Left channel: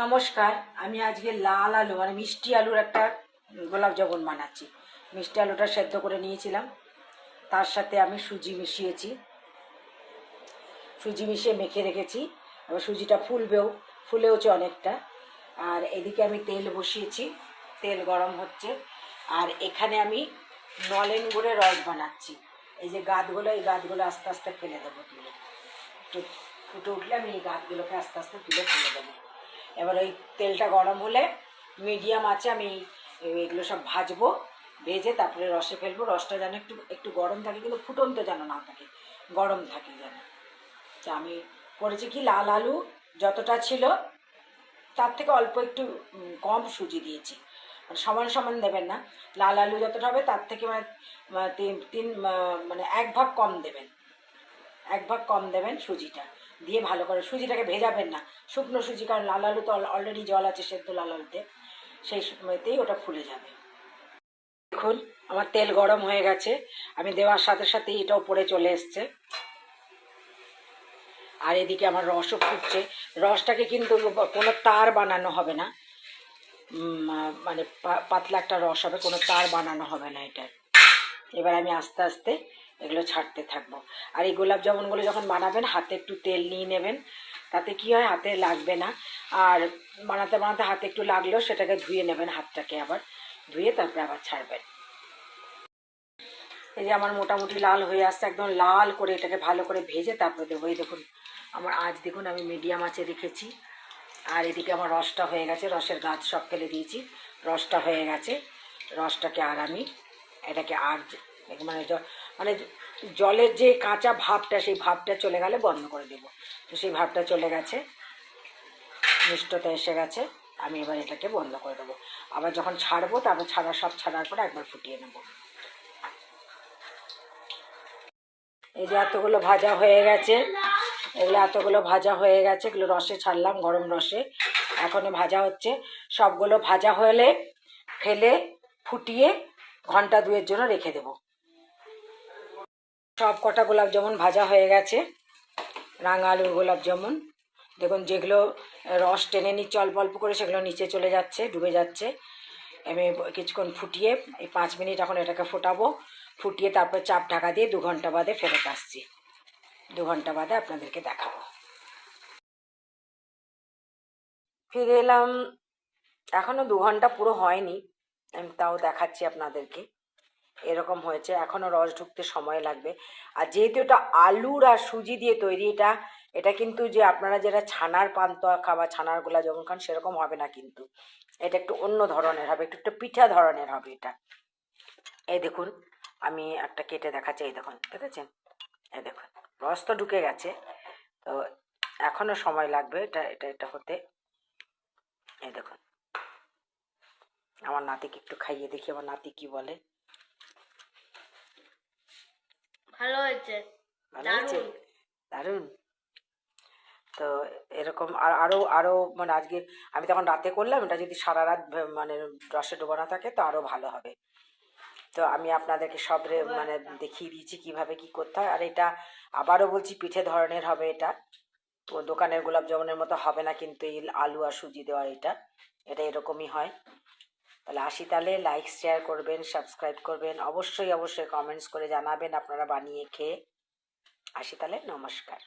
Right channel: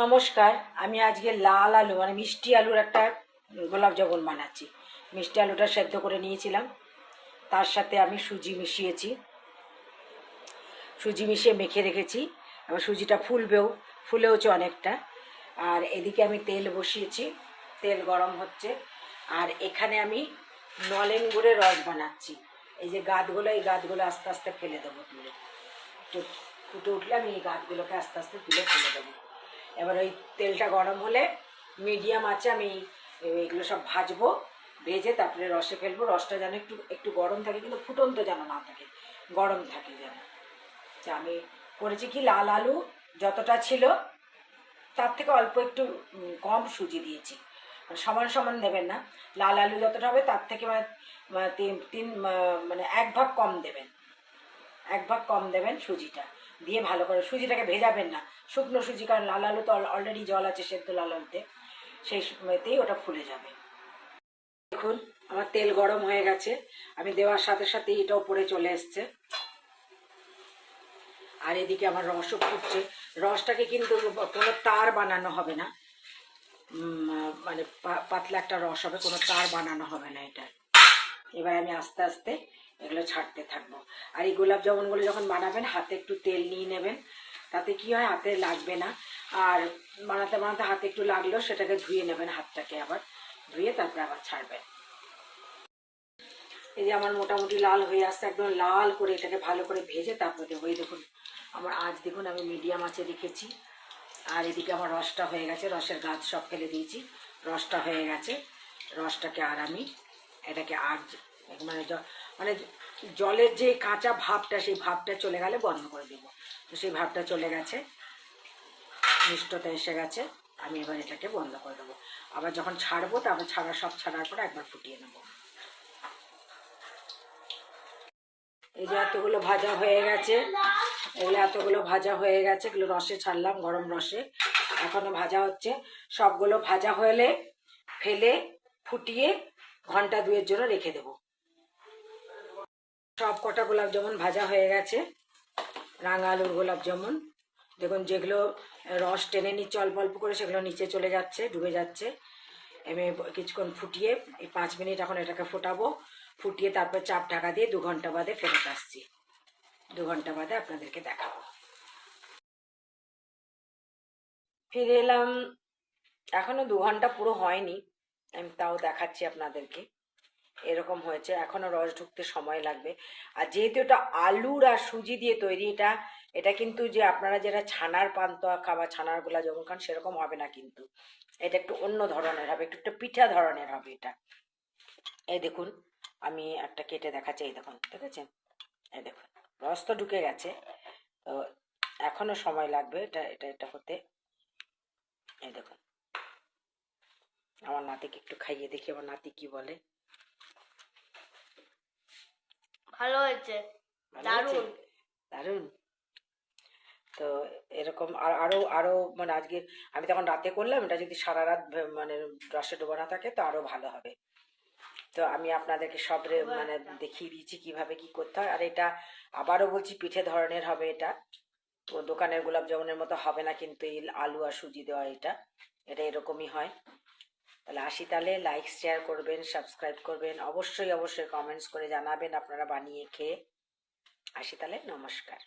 নমস্কার, আমি আজকে লাল আলু মানে মিষ্টি আলুর একটা গোলাপ জামুন বানাচ্ছি। মিষ্টি আলুটা সেদ্ধ করে নিয়েছিলাম। তার সাথে আমি সুজি মিশিয়েছি। সুজি মিশিয়ে মেখে রেখেছি। এবার সুজিটা ফুলবেও ফুলেওছে অনেকটা। আর এদিকে আমি তেল বসিয়েছি। তেল গরম হচ্ছে। আর এখানে আমি নলেন গুড়ের রস বানাচ্ছি। এই যে গাছগুলো এই গাছগুলো আস্তে আস্তে ফেলে দেবো তুলে। ফুটে উঠলে আমি এই গাছগুলোকে আস্তে আস্তে তুলে ফেলে দেবো। এবার ওই তেলটা গরম হলে মিডিয়াম আছে, আমি এগুলো সব ভাজবো, ভেজে তারপরে রসে ফেলব। রসটা যেন একটু একটু গরম থাকে, কিন্তু ফুটন্ত যেন না থাকে, গরম থাকে যেন। তা আমি করেছি কি, লাল আলু যতটা ছিল, তার থেকে অল্প একটু কম সুজি দিয়েছি। মানে সমান সমান দেবেন না, লাল আলু যতটা হবে তার থেকে মানে মানে তিন তিন মানে এক ভাগ কম দেবেন। এক ভাগ কম দেবেন সুজিটা। দিয়ে ভালো করে সুজিটাকে ভেজাবেন না। শুকনো সুজি, কারণ লাল আলু তো অলরেডি জল আছে, সেদ্ধ লাল আলুতে। সেই সময়তেই ওটা ফুলে যাবে। দেখুন, আমার তেল গরম হয়ে গেছে। আমি দেওয়ার সাথে সাথে এটা উপরে চলে এসছে। আর এদিকে আমার রসও ফুটছে। রসটাকে কিন্তু কোনো তার বানানো হবে না। মানে পাতলা একটা রস হবে, কোনো তার বানানো হবে না এটা। এবার আমি আস্তে আস্তে এগুলো ছাড়তে থাকব। আর এই গোলাপ জামুনগুলো যখন বানাবেন, হাতে একটু তেল নিয়ে নেবেন। তাতে কি হয়? হাতে লাগবে না। আর বানাতে বানাতে হাতে একটু লাগলেও সেটাকে ধুয়ে নেবেন হাতটাকে আবার। ধুয়ে তারপরে আবার ছাড়বেন। এই যে আমার মোটামুটি লাল হয়ে আসছে, একদম লাল করে এটাকে ভালো করে ভেজে তারপরে দেবো। এই দেখুন, আমার আজ দেখুন, আমি মিডিয়াম আছে রেখেছি। আর এদিকে আমার রসটা হয়ে গেছে, রসের গাছ সব ফেলে দিয়েছি। রসটা হয়ে গেছে, রসটাকে আর আমি এটাকে আর মানে মানে জলের যে কাঁচা ভাবটা, সেই ভাবটা চলে গেলে বন্ধ করে দেবো। তো সেই ভাবটা চলে গেছে মিষ্টতা এসে গেছে, আমি এবার এটাকে বন্ধ করে দেবো। আবার যখন ছাড়বো, তারপর ছাড়া, সব ছাড়ার পরে একবার ফুটিয়ে নেব। এই যে এতগুলো ভাজা হয়ে গেছে, এগুলো এতগুলো ভাজা হয়ে গেছে, এগুলো রসে ছাড়লাম, গরম রসে। এখনও ভাজা হচ্ছে। সবগুলো ভাজা হলে, ফেলে, ফুটিয়ে ঘণ্টা দুয়ের জন্য রেখে দেবো। সব কটা গোলাপ জামুন ভাজা হয়ে গেছে, রাঙা আলুর গোলাপ জামুন দেখুন, যেগুলো রস টেনে নিচ্ছে, অল্প অল্প করে, সেগুলো নিচে চলে যাচ্ছে, ডুবে যাচ্ছে। আমি কিছুক্ষণ ফুটিয়ে এই পাঁচ মিনিট এখন এটাকে ফোটাবো। ফুটিয়ে তারপর চাপ ঢাকা দিয়ে দু ঘণ্টা বাদে ফেরত আসছি। দু ঘণ্টা বাদে আপনাদেরকে দেখাবো। ফিরে এলাম, এখনও দু ঘণ্টা পুরো হয়নি, আমি তাও দেখাচ্ছি আপনাদেরকে। এরকম হয়েছে, এখনও রস ঢুকতে সময় লাগবে। আর যেহেতু এটা আলুর আর সুজি দিয়ে তৈরি, এটা এটা কিন্তু যে আপনারা যেটা ছানার পান্তা খাবার ছানার গোলা যখন খান, সেরকম হবে না কিন্তু। এটা একটু অন্য ধরনের হবে, একটু একটু পিঠা ধরনের হবে এটা। এই দেখুন, আমি একটা কেটে দেখাচ্ছি, এই দেখুন দেখেছেন এই দেখুন, রস তো ঢুকে গেছে। তো এখনও সময় লাগবে এটা এটা এটা হতে। এই দেখুন, আমার নাতিকে একটু খাইয়ে দেখি, আমার নাতি কি বলে। ভালো হয়েছে। ভালো হয়েছে? দারুণ। তো এরকম আর আরও আরও মানে আজকে আমি তখন রাতে করলাম এটা যদি সারা রাত মানে রসে ডোবানো থাকে তো আরও ভালো হবে। তো আমি আপনাদেরকে সব রে- মানে দেখিয়ে দিয়েছি কীভাবে কি করতে হয়। আর এটা আবারও বলছি পিঠে ধরনের হবে এটা। তো দোকানের গোলাপ জামুনের মতো হবে না কিন্তু এই আলু আর সুজি দেওয়া এটা। এটা এরকমই হয়। তাহলে আসি তাহলে লাইক শেয়ার করবেন সাবস্ক্রাইব করবেন। অবশ্যই অবশ্যই কমেন্টস করে জানাবেন আপনারা বানিয়ে খেয়ে। আসি তাহলে নমস্কার।